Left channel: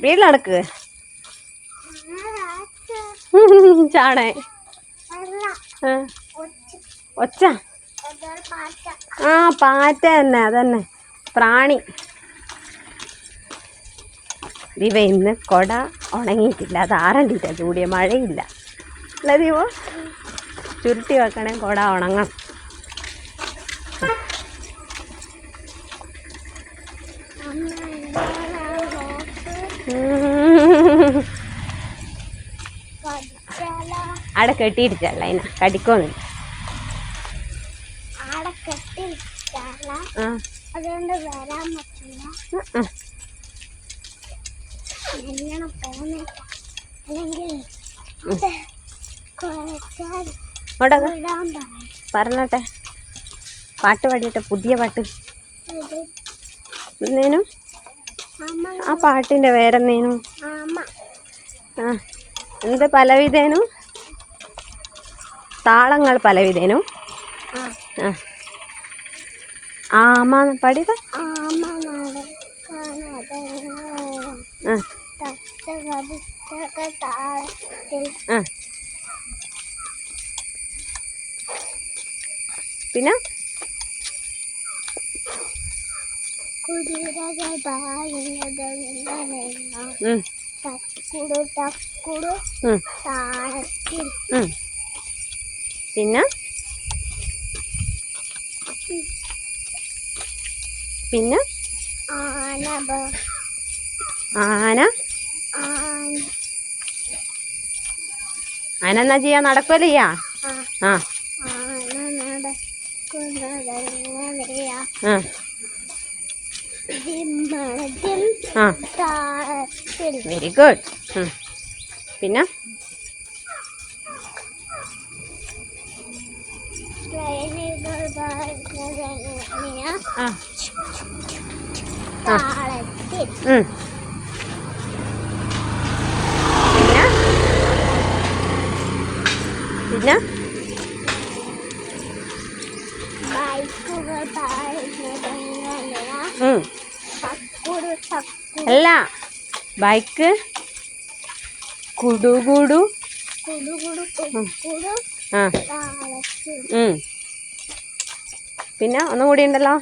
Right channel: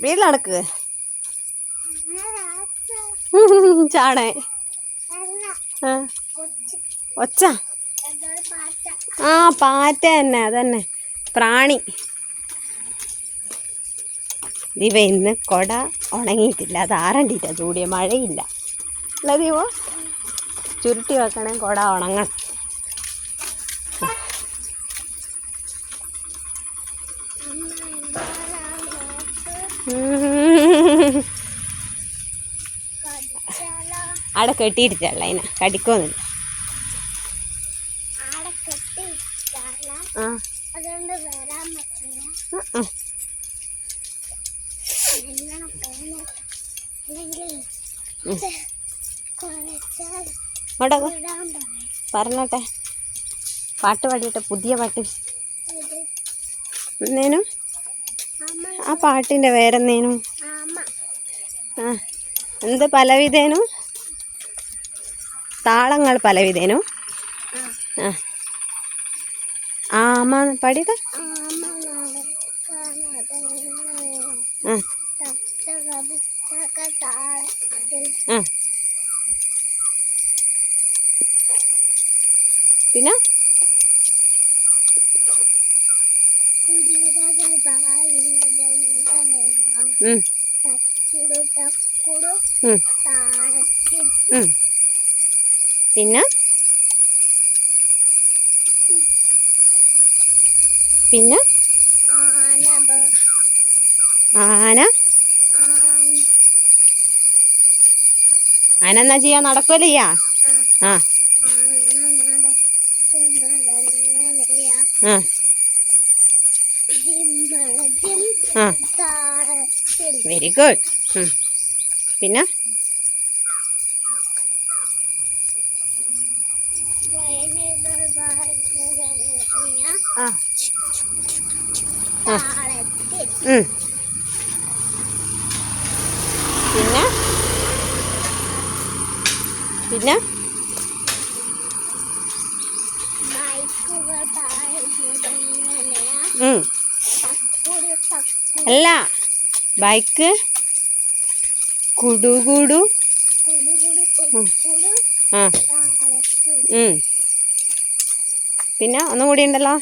വീട്ടിലടക്ക് ചാടേ. ആ. ഒച്ച. ആ പാറ്റ തന്നെ അതന്നെ. പ്രാണി. ദിവ ഇന്ന് കൊട ഉണങ്ങിയിട്ടില്ല. അത് ആറണ്ടിട്ടാ. ചൂടിയ മഴയില്ല. അല്ല ദിവ ചുരുട്ടി വെക്കണേ കൊട ഉണങ്ങണം ഉം. അവിടെ കെട്ടിയിട്ടില്ല അതിനെ കടിക്കൊന്നുമില്ല ആടെ കെട്ടിയിട്ടാല ആ അതുകൊണ്ട് വരാൻ പറ്റില്ല ആ. എങ്ങനെ പോകുന്നില്ല അല്ലെങ്കിൽ അത് കുറച്ചാൽ കെട്ടിയിട്ടില്ല അതിനാ കടിക്കോന്നില്ല പറഞ്ഞോട്ടെ. പാട്ട് പാടിട്ടെ പുതിയ പാട്ട്. എന്തേനും? ആ പാട്ടിന്റെ വേറെന്തേനും ആ. എന്ത് പലവിധേനും? താളങ്ങൾ പലവിധേനു. ആമ പാടിയത്? പിന്നെ? ഉം, തക്കുടു തക്കുടു. പിന്നെ? പിന്നെ? ആന. ആന എന്നാ ചെയ്യാ? നടക്കുമല്ലയ്യാ ആ. വെരി ഗുഡ് പിന്നെ ട്രെയിനുകൾ പാടുന്നത് എങ്ങനെയാ ആ ആ താളത്തിൽ ഉം. പിന്നെ? അല്ല ബൈക്ക് കുടുകുടു. ആ. പിന്നെ ഒന്നും കൂടി ഉണ്ടല്ലോ.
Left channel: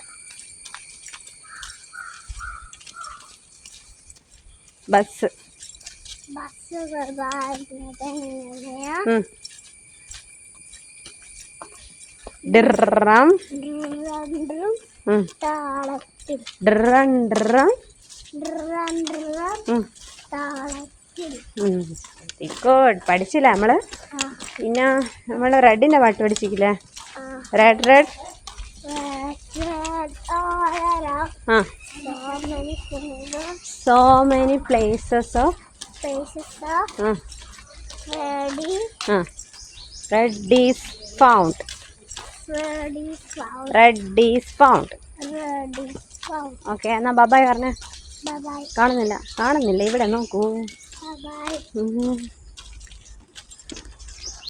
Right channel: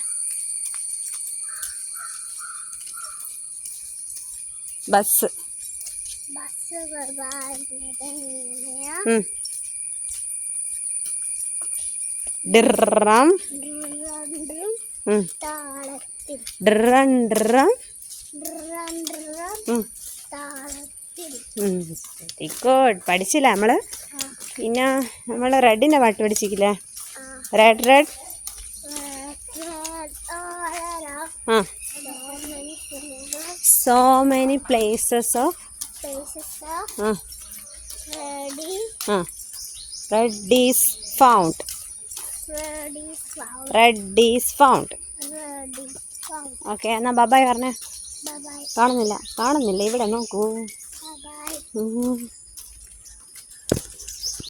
ബസ്. ഡ്രം ഡ്രം ഡ്രം പഠിച്ചില്ല നമ്മൾ? പിന്നെ നമ്മൾ റെഡിന്റെ പാട്ട് പഠിച്ചിക്കില്ലേ റെഡ് റെഡ്. ആ. So many places red is found red is found okay എന്നാ ബബായ് പറഞ്ഞേ. കാണുന്നില്ല. കാണുന്നില്ല. ഇവിടെ നോക്കൂ.